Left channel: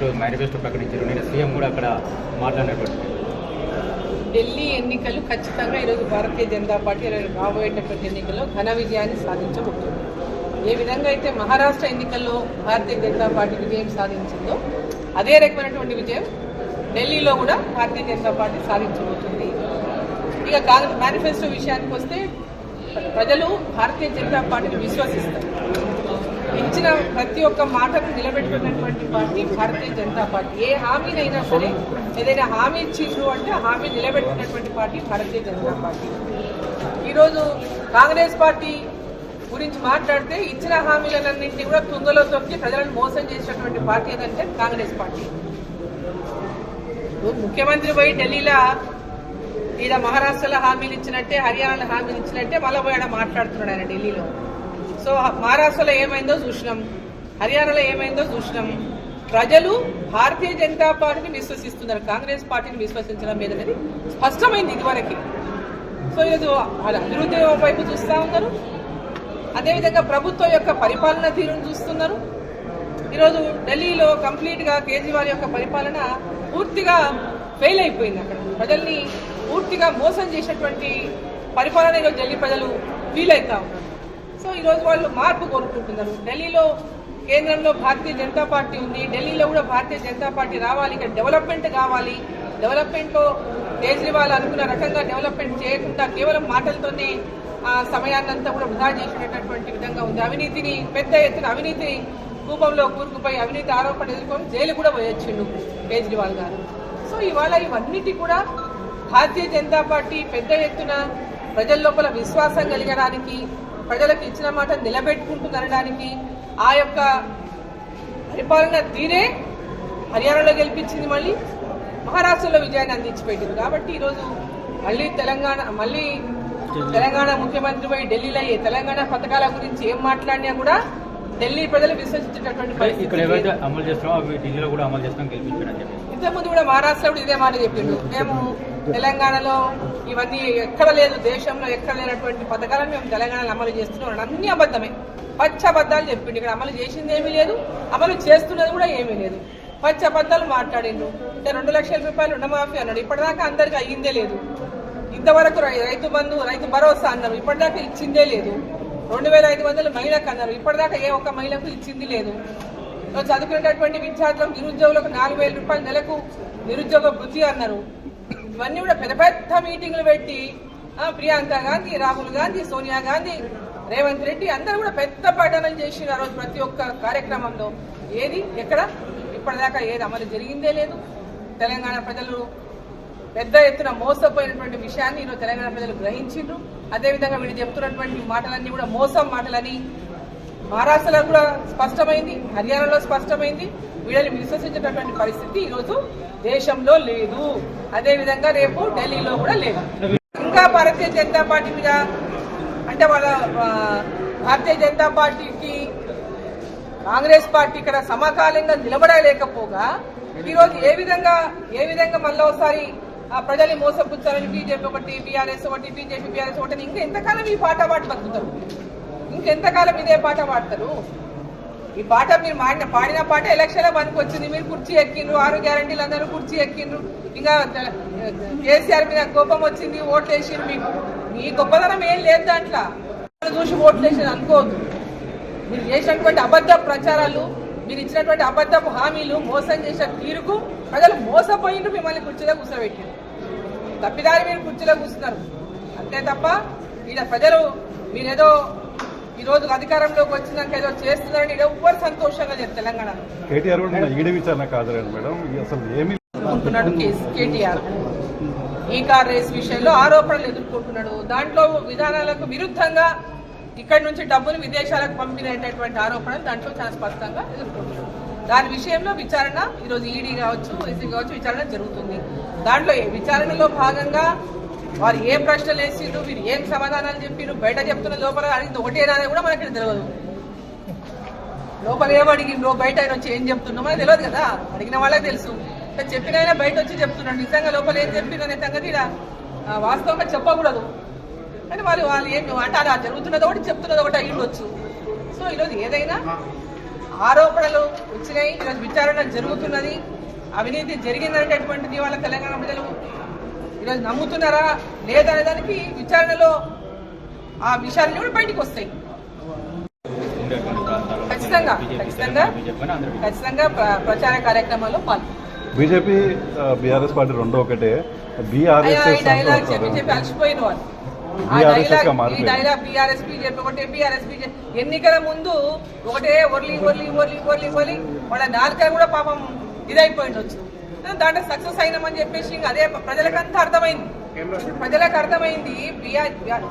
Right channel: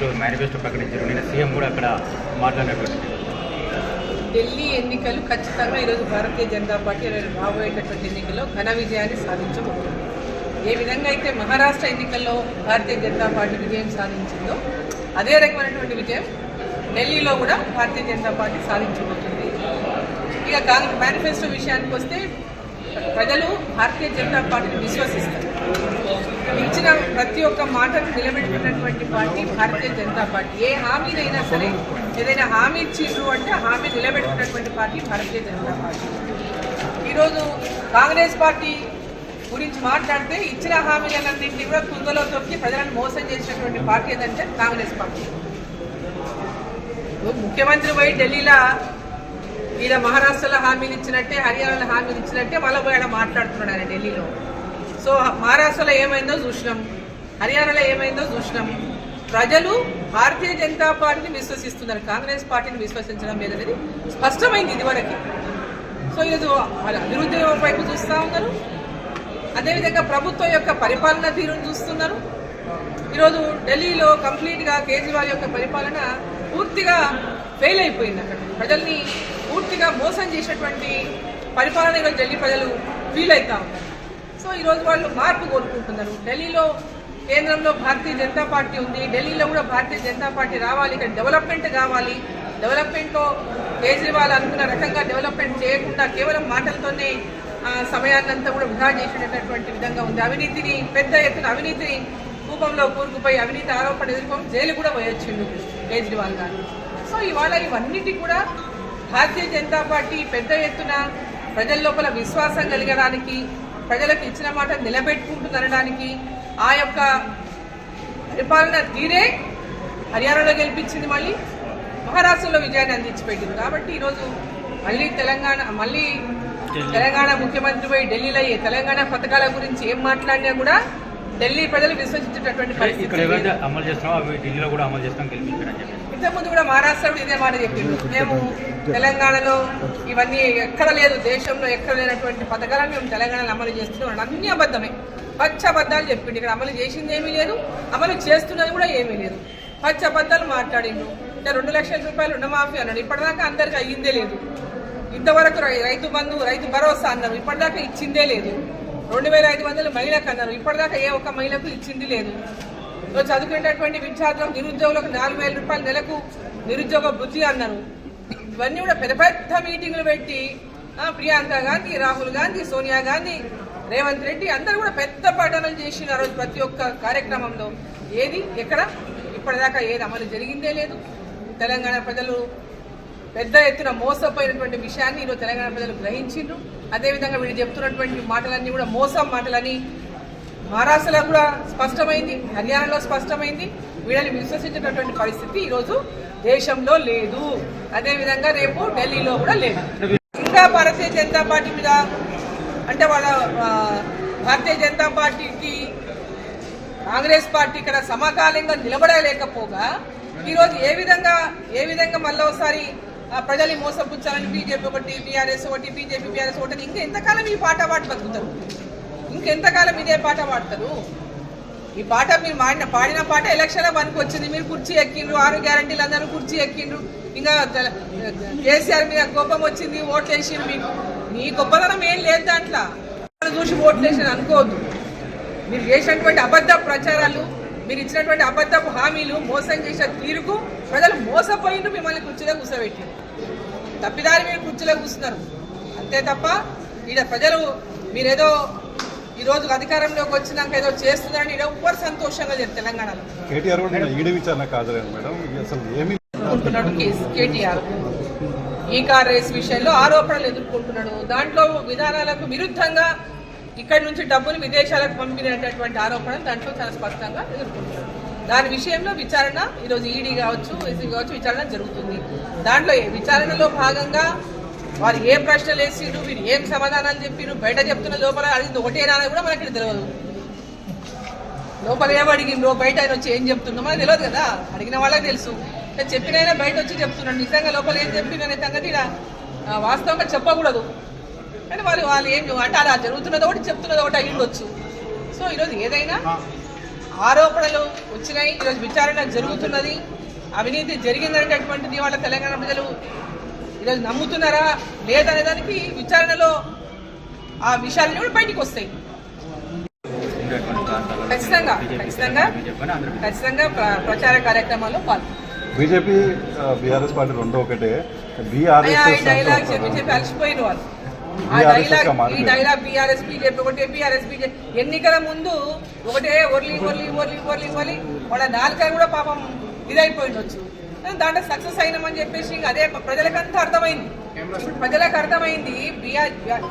ఈరోజు మేనిఫెస్టో ప్రకటించారు నేను సీఎం కూడా అక్కడ మాట్లాడినటువంటి ఢిల్లీ ఎన్నికలు ఖచ్చితంగా ఈరోజు భారతీయ జనతా పార్టీ రాబోయేటటువంటి ఎన్నికల్లో ఘన విజయాన్ని సాధించబోతుంది. ఏ విధంగా అయితే మహారాష్ట్ర ఎన్నికల్లో భారతీయ జనతా పార్టీ విజయం సాధించిందో అదే రకమైనటువంటి విజయం ఢిల్లీలో కూడా భారతీయ జనతా పార్టీ సాధించబోతుంది. ఇక కాంగ్రెస్ మేనిఫెస్టో విషయానికి వస్తే ప్రజలు భారతీయ జనతా పార్టీని విశ్వసిస్తారు. ఇచ్చిన ప్రతి ఒక్క మాటను నిలబెట్టుకున్నటువంటి పార్టీ భారతీయ జనతా పార్టీ. ఏ హామీనైనా సరే ఏదైనా హామీ ఇచ్చిండ్రు అంటే హామీ నిలబెట్టుకున్నటువంటి పార్టీ భారతీయ జనతా పార్టీ. ఈరోజు కాంగ్రెస్ పార్టీ గురించి మాట్లాడితే ఇచ్చిన హామీలన్నింటినీ కూడా తుంగలో తొక్కి ప్రజలను మోసం చేసినటువంటి పార్టీ ఏదంటే కాంగ్రెస్ పార్టీ. ముఖ్యమంత్రి పోయి ఢిల్లీలో ఈయన మహారాష్ట్రలో హామీలు ఇచ్చినట్టే హర్యానాలో హామీలు ఇచ్చినట్టే మళ్ళీ పోయి ఆడ మాట్లాడుతున్నాడు ఆయన ఢిల్లీలో. సో మహారాష్ట్రలో ఏమైందో చూసినాం. హర్యానాలో ఏమైందో చూసినాం. ప్రజలు భారతీయ జనతా పార్టీని విశ్వసిస్తున్నారు. కాంగ్రెస్ పార్టీని విశ్వసించడం లేదనేది స్పష్టమైంది ఇదివరకు. సో ఈరోజు అభివృద్ధి వైపు చూస్తూ ఉన్నారు. అదేవిధంగా ప్రభుత్వం యొక్క పరిపాలన తీరును చూస్తున్నారు. ఈరోజు ఢిల్లీలో కంప్లీట్గా కేజ్రీవాల్ యొక్క పరిపాలన పూర్తిగా ఫెయిల్ అయిపోయింది అక్కడ. ప్రజల్ని పూర్తిగా మోసం చేసినటువంటి పరిపాలన ఈరోజు ఢిల్లీ ప్రజలు ఫీల్ అవుతా ఉన్నారు. సో ఈరోజు వాళ్ళు మార్పు కోరుకుంటున్నారు. ఢిల్లీలో కేంద్రంలో భారతీయ జనతా పార్టీ ఉంది. ఢిల్లీలో కూడా భారతీయ జనతా పార్టీ రావాలి. ఇక్కడ డెవలప్మెంట్ కావాలి. డెవలప్మెంట్తో కేజ్రీవాల్ అనుకున్న రకంగా డెవలప్మెంట్ చేయకుండా కేవలం మాటలతోనే సమయాన్నంతా సమయాన్ని అంతా కూడా వృధా చేసినటువంటి విధంగా ఉంది. అవినీతిని పెద్ద ఎత్తున అవినీతిని కూపంలో కూరుకుపోయి అవినీతి ఆరోపణ ఎదుర్కొని జైలు కూడా పోయొచ్చిండు కేజ్రీవాల్ గారు. సో ఇవాళ ఇవన్నిటి కూడా భారతీయ జనతా పార్టీ పెద్ద ఎత్తున ప్రజల లోపల విశ్వాసం కలిగడానికి ప్రజలకు ఇచ్చిన మాట నిలబెట్టుకుంటుందనడానికి ఆ యొక్క పరిపాలన తీరే హర్యానాలో గెలిపించింది మళ్ళీ మహారాష్ట్రలో విజయాన్ని అందించిపెట్టింది. కాబట్టి ఈరోజు మళ్ళీ తెలంగాణ మళ్ళీ తెలంగాణ ముఖ్యమంత్రి పోయి ఢిల్లీలో అయ్యే తెలంగాణ పథకాల గురించి ఏం మాట్లాడినా కూడా ఢిల్లీ ప్రజలు విశ్వసించేటటువంటి పరిస్థితి ఇంతకుముందు కూడా మహారాష్ట్ర ఇదే మాట చెప్పిండు మేము తెలంగాణలో ఇవన్నీ ఎక్కడ లేదు దేశంలో ఎక్కడ లేనటువంటి పథకాలను మేము తెలంగాణలో అమలు చేస్తున్నాం. అన్ని అబద్ధమే. పచ్చ అబద్ధాలు చెప్పిండు. ఇక్కడ అమలు చేసింది ఏమీ లేదు అమలు చేస్తున్నది కూడా ఏమీ లేదు. పచ్చ అబద్ధాలు మాట్లాడిండు. అంటే రెండు లక్షల రూపాయలు రుణమాఫీ అన్నాడు. ఇప్పటిదాకా అందరికి అయ్యిందే లేదు. ఇంతవరకు రై- రైతు బంధు రైతు భరోసా అన్నారు. ఇప్పటిదాకా ఇచ్చిందే లేదు. రెండు వేల ఐదు వందలు మహిళకు అన్నారు. ఇప్పటిదాకా ఏ ఒక్క మహిళకు ఇచ్చింది లేదు. చదువుకునేటటువంటి విద్యార్థులకు నిరుద్యోగులకు నాలుగు వేల రూపాయల నెలకు నిరుద్యోగ వృత్తి అన్నారు. ఇవన్నీ కూడా పెద్ద పెద్ద మీటింగ్లు పెట్టి ఆ, ప్రియాంక గాంధీ రాహుల్ గాంధీ సోనియా గాంధీ రేవంత్ రెడ్డి అందరూ కూడా పెద్ద పఠనాలు చేసిన రోజు ప్రతి ఒక్క కార్యక్రమంలో. ఏది? ఎక్కడ? ఇప్పటిదాకా ఏది అమలు జరిగిందే లేదు. తెలంగాణ ప్రజలు పెద్ద ఎత్తున మోసపోయినటువంటి విషయాన్ని ఈరోజు తెలంగాణ ప్రజలు గ్రహించిండ్రు. అదేవిధంగా వీళ్ళు చెప్తున్నటువంటి మాటలన్నీ కూడా మోసం మాటలని మహారాష్ట్రలో కూడా స్పష్టమైంది హర్యానాలో స్పష్టమైంది. వీళ్ళని విశ్వసించేటటువంటి పరిస్థితి ఈరోజు దేశంలో లేదు. అదేవిధంగా రేపు ఢిల్లీలో కూడా లేదు. ఇంకా భారతీయ జనతా పార్టీ మీద అంటే వాళ్ళ భారతీయ జనతా పార్టీకి కాంగ్రెస్ పార్టీ ఇక్కడ సమకాలీనంగా నిలబడలేకపోగా ఈరోజు ఏ విధంగా ఏ విధంగా మళ్ళీ ఒకసారి ఆ, ప్రజల్ని మోసపుచ్చాలని బీజేపీ ఒకటి బీఆర్ఎస్ ఒకటి బీజేపీ బీఆర్ఎస్ ఒకటి ఇంకా ఎంతకాలం ఈ పాట పాటు బతుకుతారు? ఇంకెంతకాలం ఇదే పాట పాడతారు? ఈ పాట మీరు మాడిన పాడిన పాట ఎలక్షన్లో పనికి వచ్చింది. మీరు కుర్చీ ఎక్కిండ్రు ఆరు గ్యారంటీలు అందరూ కుర్చీ ఎక్కిండ్రు. ఇంకా కేసీఆర్ మీద కోపం వచ్చింది ఓట్లు వేసిండ్రు మీకు. మీ గొప్పతనం ఏం లేదు దాంట్లో. వాళ్ళని చూసి ఓట్లు వేసింది అనుకోవద్దు. మీరు చేసినటువంటి అబద్ధ ప్రచారాలు మీరు ఇచ్చినటువంటి అబద్ధపు హామీలు మోసం చేసిన తీరుకు ప్రజలు మోసపోయిండ్రు మిమ్మల్ని కుర్చీలో కూర్చోబెట్టిండ్రు. తప్పిదారి మీరు కుర్చీలో కూర్చున్నారు. అంతే తప్ప ఈడ ప్రజలు మీరేదో ఈరోజు అధికారంలోకి వచ్చినాక ఏదో చేస్తున్నారని ఎవ్వరు సంతోషంగా లేరు తెలంగాణలో. కేటీఆర్ ఎదుర్కొంటున్నాడు కేస్- ఈ కార్ రేస్ విషయంలో ఆరోపణలు ఎదుర్కొంటున్నాడు. దాంట్లో విధానాలకు విరుద్ధంగా ఇక్కడి నుంచి డబ్బులు విదేశాలకు పంపినటువంటి ఆరోపణలు దాంట్లో చాలా స్పష్టంగా ఎదుర్కొంటున్నాడు. దాని విషయంలో విచారణ ఈరోజు ఈడీ కావచ్చు ఎస్సీ కావచ్చు విచారణ జరుగుతుంది. దాంట్లో విచారణలో భాగంగా వారు ఏ ప్రశ్నలు వేసిండ్రు వీరు ఏం సమాధానాలు చెప్పిరు బయట చెప్తున్న లోపల అడిగింది ఒకటేనా అని కూడా మనకి తెలియదు లోపల ఏం అడిగిండ్రో బయట ఆయన వచ్చి ఏం చెప్తుండో మనకు తెలియదు కదా. అడిగిన వాళ్ళకి తెలుసు. చెప్పిన ఆయన బయట వచ్చి చెప్తున్నాడు. నిజంగా లోపల ఏం చెప్పిన అనే సంగతి వాస్తవంగా చెప్పకూడదు. కానీ వాళ్ళు వాళ్ళు ఏం అంటే అలా జరుగుతున్నది ఒకటి చెప్తున్నది ఒకటి అయ్యి ఉండొచ్చు. సో ఈరోజు ఏదైనా ఆరోపణలు వచ్చినాయి ఈరోజు విచారణ జరుగుతున్నది అవినీతి జరిగిందనేటటువంటిది వాళ్ళ తెలంగాణ ప్రజలు ఈరోజు నమ్ముతున్నారా లేదనే దానికి విచారణలో ఆ విషయాలన్నీ కూడా బయటికి వస్తాయి ఖచ్చితంగా, ఖచ్చితంగా. ఖచ్చితంగా ప్ర- ప్రచార కార్యక్రమాల్లో పాల్గొంటారు బీజేపీ బీఆర్ఎస్ పార్టీ రెండో ఒకటే బీఆర్ఎస్ డైలాగ్ చెప్పి చెప్పి అలసిపోయిన వాళ్ళు ఆ డైలాగ్ ఈ. డైలాగ్ బీఆర్ఎస్ బీజేపీ ఒకటే బీఆర్ఎస్ బీజేపీ ఎన్నికల ముందు ఒకటే ఒర్లి ఒర్లి ఒర్లి ఒర్లి ఒర్లి వాళ్ళ నాలుక కూడా పాపం ఇదైపోయిండొచ్చు దాంట్లో సక్సెస్ అయినామని చెప్పేసి ఇంక అదే ప్రజలకు అంతా అర్థమైంది. ప్రజలకు అర్థమైంది. బీఆర్